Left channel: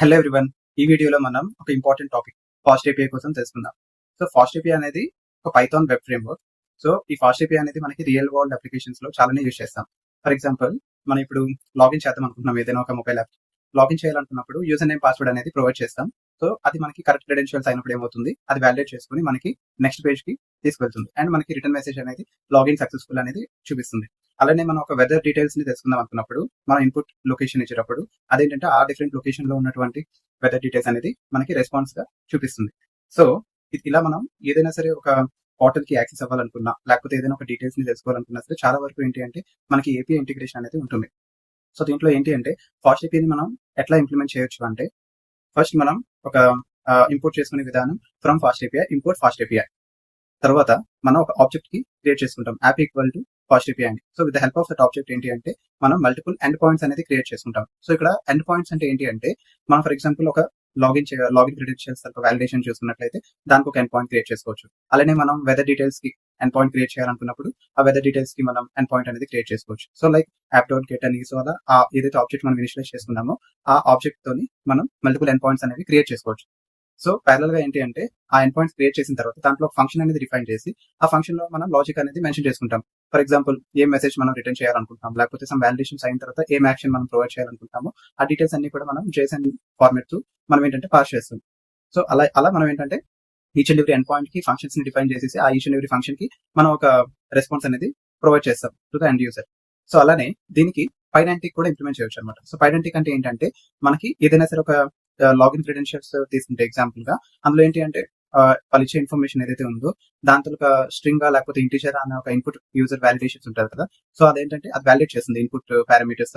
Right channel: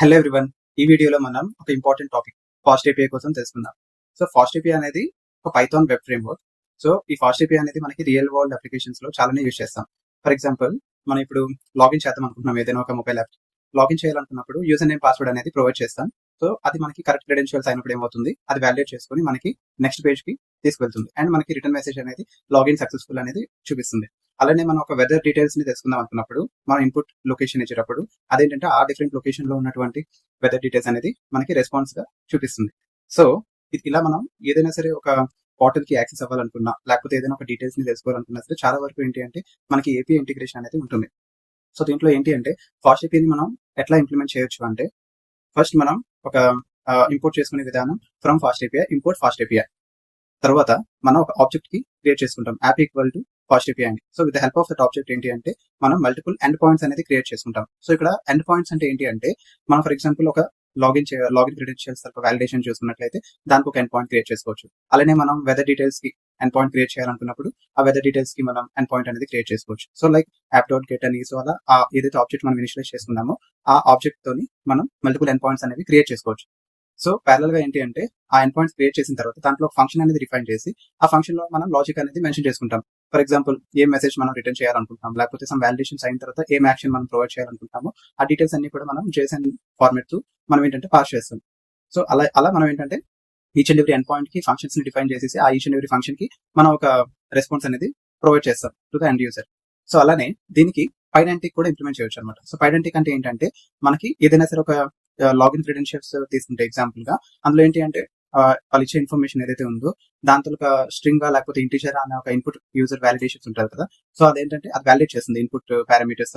Hello everyone. ఈ వీడియోలో మనం ఒక ఇంపార్టెంట్ టాపిక్ ఫాస్ట్ ఏపీఐ కోసం తెలుసుకుందాం. సో ఫాస్ట్ ఏపీఐ అనేది ఒక పైథాన్ వెబ్ ఫ్రేమ్వర్క్. సో ఈ ఫాస్ట్ ఏపీఐ అనేది మనకి రియల్ వరల్డ్ అప్లికేషన్స్ లో చాలానే యూజ్ చేస్తాం. ఫర్ ఎగ్జాంపుల్, మనం ఇప్పుడు లాగిన్ చేద్దాం అనుకుంటున్నాం ఏదైనా ఒక మొబైల్ యాప్. లాగిన్ చేయాలనుకున్నప్పుడు యూజర్ నేమ్ పాస్వర్డ్ అనేది ప్రొవైడ్ చేస్తాం. సో అది మనకి కరెక్ట్ క్రెడెన్షియల్స్ అయినప్పుడు ఏమవుతుంది, అది వ్యాలిడేట్ చేసుకొని మనకి నెక్స్ట్ పేజ్ కి తీసుకెళ్తుంది అండ్ మనకి రిటర్న్ మెసేజ్ అనేది లాగిన్ సక్సెస్ఫుల్ అనేది చూపిస్తుంది. అలానే మనం ఒక వెదర్ డీటెయిల్స్ ని తెలుసుకుందాం అనుకున్నప్పుడు మనం ఇన్పుట్ లొకేషన్ ఇచ్చేటప్పుడు అదేంటంటే ఆ డిఫరెంట్ లొకేషన్ లో ఉన్నటువంటి వెదర్ డీటెయిల్స్ అనేది మనకి రెస్పాన్స్ గా చూపిస్తుంది. సో ఇలా మనం ఏదైనా సరే ఒక పోర్టల్ కి యాక్సెస్ అవ్వాలనుకున్నా, లేకపోతే ఏదైనా ఒక డీటెయిల్స్ ని తెలుసుకోవాలనుకున్నా సరే చాలా వరకు ఏంటి అంటే మనకి ఏపీఐ ఇంటిగ్రేషన్ అనేది ఉంటుంది. సో దీంట్లో ఏంటి అంటే ఫాస్ట్ ఏపీఐని మనం ఎట్లా ఇంప్లిమెంట్ చేయొచ్చు అంటే, ఫస్ట్ మనం ఒక ఇంపోర్ట్ చేసుకునే విధానం from FastAPI, import FastAPI. తర్వాత మనం ఒక ఆబ్జెక్ట్ కి క్రియేట్ చేసుకుంటాం app equal to FastAPI అని. So with the help of that object ఏంటి అంటే మనం మల్టిపుల్ ఎండ్ పాయింట్స్ అనేది క్రియేట్ చేసుకుంటాం. సో ఇక్కడ ఎండ్ పాయింట్స్ అంటే ఏంటి అంటే, మనం ఫర్ ఎగ్జాంపుల్ ఒక లాగిన్ క్రెడెన్షియల్స్ వ్యాలిడేషన్ చూసుకున్నట్లయితే దానికి ఒక ఎండ్ పాయింట్ క్రియేట్ చేసుకోవచ్చు. అలానే మనం వెదర్ డీటెయిల్స్ కి ఎండ్ పాయింట్ క్రియేట్ చేయాలనుకున్నప్పుడు ఆ వెదర్ డీటెయిల్స్ కి మనం ఎండ్ పాయింట్ అనేది క్రియేట్ చేసుకోవచ్చు. So like app dot get అని. సో అలా ఏదైతే ఆబ్జెక్ట్ మనం ఇనిషియలైజ్ చేసుకున్నామో ఆ ఆబ్జెక్ట్ తోని మనం మల్టిపుల్ ఎండ్ పాయింట్స్ అనేవి క్రియేట్ చేసుకోవచ్చు. సో ప్యారల్ గా ఏంటి అంటే ఆ ఎండ్ పాయింట్స్ క్రియేట్ చేసిన తర్వాత దాంట్లో ఒక ఫంక్షన్ అనేది రిఫైన్ చేసి ఆ ఫంక్షన్ లో మనం లాజిక్ అనేది మెన్షన్ చేసుకుంటాం. ఫర్ ఎగ్జాంపుల్, ఏ మెసేజ్ మనం రిటర్న్ చేయాలనుకుంటాం, లేకపోతే సమ్ వాలిడేషన్స్ అయిన తర్వాత ఏం యాక్షన్ మనం ప్రొవైడ్ చేయాలనుకుంటామో ఆ డీటెయిల్స్ అన్ని కూడా మనం JSON ఫార్మాట్ తో మనం ఏంటంటే పాస్ చేస్తాం. సో అలా మనం ఏంటంటే each and every end point కి ఫంక్షన్స్ ని డిఫైన్ చేసేసి ఆ ఈచ్ అండ్ ఎవ్రీ ఫంక్షన్ కి మనం ఒక రెస్పాన్స్ అనేది ప్రొవైడ్ చేస్తాం to the end user. So అలానే దీనికి పైడెంటిక్ కూడా ఇంప్లిమెంట్ చేయొచ్చు అనమాట. సో పైడెంటిక్ అంటే ఏంటంటే, మనకి ఏదైనా సరే ఒక లాగిన్ క్రెడెన్షియల్స్ తీసుకుంటే ఎగ్జాంపుల్ గా అందులో ఏంటి అంటే వాళ్ళు ఇచ్చే ఇన్ఫర్మేషన్ ఏదైతే ఉందో దాంతో ఒక స్ట్రింగ్ లేకపోతే ఇంటీజర్ అనే ఒక ఇన్పుట్ యూజర్ వ్యాలిడేషన్స్ ఉంటారు కదా. సో అదేంటంటే అది వ్యాలిడేట్ చేస్తుంది ఇన్పుట్ పారామీటర్స్,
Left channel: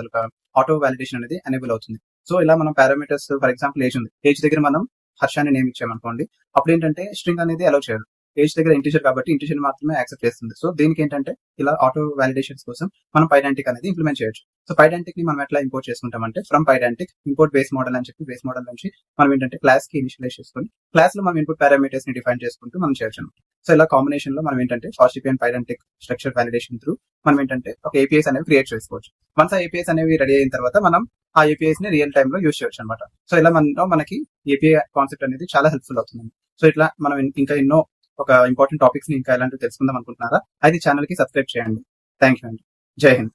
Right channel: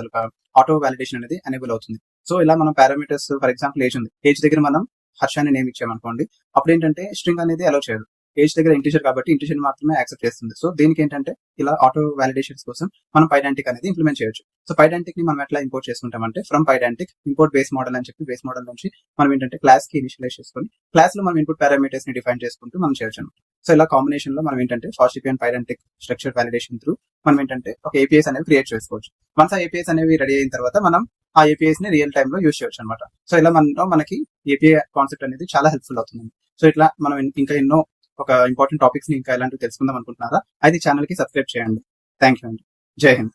ఆటో వ్యాలిడేషన్ అనేది ఎనేబుల్ అవుతుంది. సో ఇలా మనం పారామీటర్స్, ఫర్ ఎగ్జాంపుల్ ఏజ్ ఉంది, ఏజ్ దగ్గర మనం హర్ష అని నేమ్ ఇచ్చామనుకోండి, అప్పుడు ఏంటంటే స్ట్రింగ్ అనేది అలౌ చేయదు. ఏజ్ దగ్గర ఇంటీజర్ కాబట్టి ఇంటీజర్ మాత్రమే యాక్సెప్ట్ చేస్తుంది. సో దీనికి ఏంటంటే ఇలా ఆటో వ్యాలిడేషన్స్ కోసం మనం పైడెంటిక్ అనేది ఇంప్లిమెంట్ చేయొచ్చు. సో పైడెంటిక్ ని మనం ఎట్లా ఇంపోర్ట్ చేసుకుంటామంటే from Pydantic import base model అని చెప్పి బేస్ మోడల్ నుంచి మనం ఏంటంటే క్లాస్ కి ఇనిషియలైజ్ చేసుకుని క్లాస్ లో మనం ఇన్పుట్ పారామీటర్స్ ని డిఫైన్ చేసుకుంటూ మనం చేయొచ్చు. సో ఇలా కాంబినేషన్ లో మనం ఏంటంటే FastAPI and Pydantic structure validation through మనం ఏంటంటే ఒక ఏపీఐస్ అనేవి క్రియేట్ చేసుకోవచ్చు. వన్స్ ఆ ఏపీఐస్ అనేవి రెడీ అయిన తర్వాత మనం ఆ ఏపీఐస్ ని రియల్ టైమ్ లో యూజ్ చేయొచ్చు అనమాట. సో ఇలా మనకి ఏపీఐ కాన్సెప్ట్ అనేది చాలా హెల్ప్ఫుల్ అవుతుంది. సో ఇట్లా మనం ఇంకా ఎన్నో ఒక ఇంపార్టెంట్ టాపిక్స్ ని ఇంకా ఇలాంటివి తెలుసుకుందాం అనుకుంటున్నారా, అయితే ఛానల్ కి సబ్స్క్రైబ్ చేయండి. థ్యాంక్ యూ అండి. జై హింద్.